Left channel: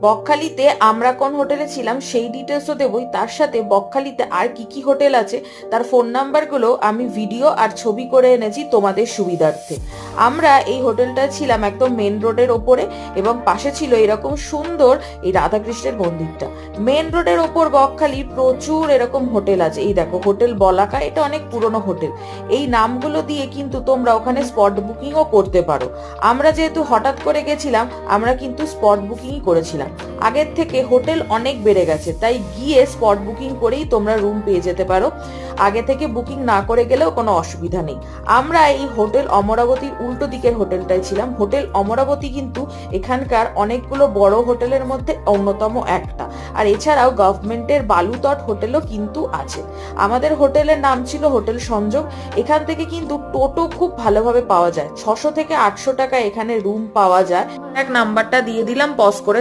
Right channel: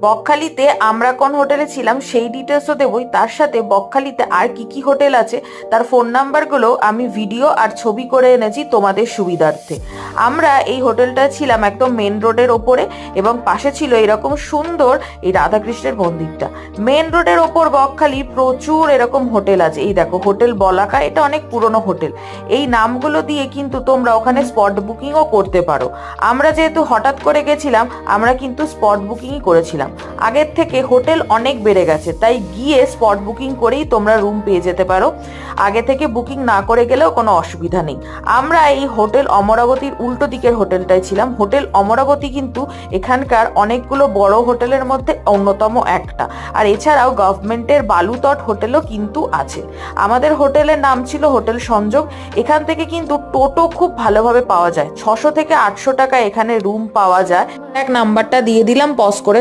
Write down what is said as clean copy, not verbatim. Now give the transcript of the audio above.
বকখালিতে আমরা কোন হোটেলে ছিলাম সেই ডিটেলসও দেবই, তার সাথে বকখালিতে আর কি কি হোটেল আছে তার ফোন নাম্বারগুলো আমি ভিডিও আর ছবি করে এনেছি তোমাদের সুবিধার্থে। আমরা এই হোটেলটা ছিলাম একদম মেন রোডের ওপরে এবং পাশে ছিল এরকম সুন্দর এই রাধাকৃষ্ণের মন্দিরটা। মেন রোডের ওপর বকখালি প্রচুর এরকম হোটেল আছে। এই দেখো হোটেল বলাকা, এটা অনেক পুরনো হোটেল। এই নামগুলো দিয়ে কিন্তু তোমরা ওখানে স্পট বুকিংও করতে পারো। আমরা যেহেতু হঠাৎ করে গেছিলাম, আমরা কিন্তু স্পট বুকিংই করেছিলাম। আগের থেকে হোটেল অনেক বেড়ে গেছে, তাই গিয়ে স্পট বুকিং করেই তোমরা রুম পেয়ে যেতে পারো। আগে থেকে বুকিং না করে গেলেও কোনো অসুবিধা নেই। আমরা এই হোটেল অমরাবতীর উল্টো দিকের হোটেলটাই ছিলাম। হোটেল অমরাবতী কিন্তু এখানকার অনেকগুলো বড় হোটেলের মধ্যে অন্যতম একটা। আর এছাড়াও গভর্নমেন্টের বালুতট হোটেলও কিন্তু আছে। আমাদের হোটেলের নাম ছিল হোটেল সংযোগ। এখান থেকে কিন্তু টোটো খুব ভালোভাবে পাওয়া যায়। 600 থেকে 800 টাকা এখানে রুম পাওয়া যায়। এক নাম্বারটা দিয়ে দিলাম, পজ করে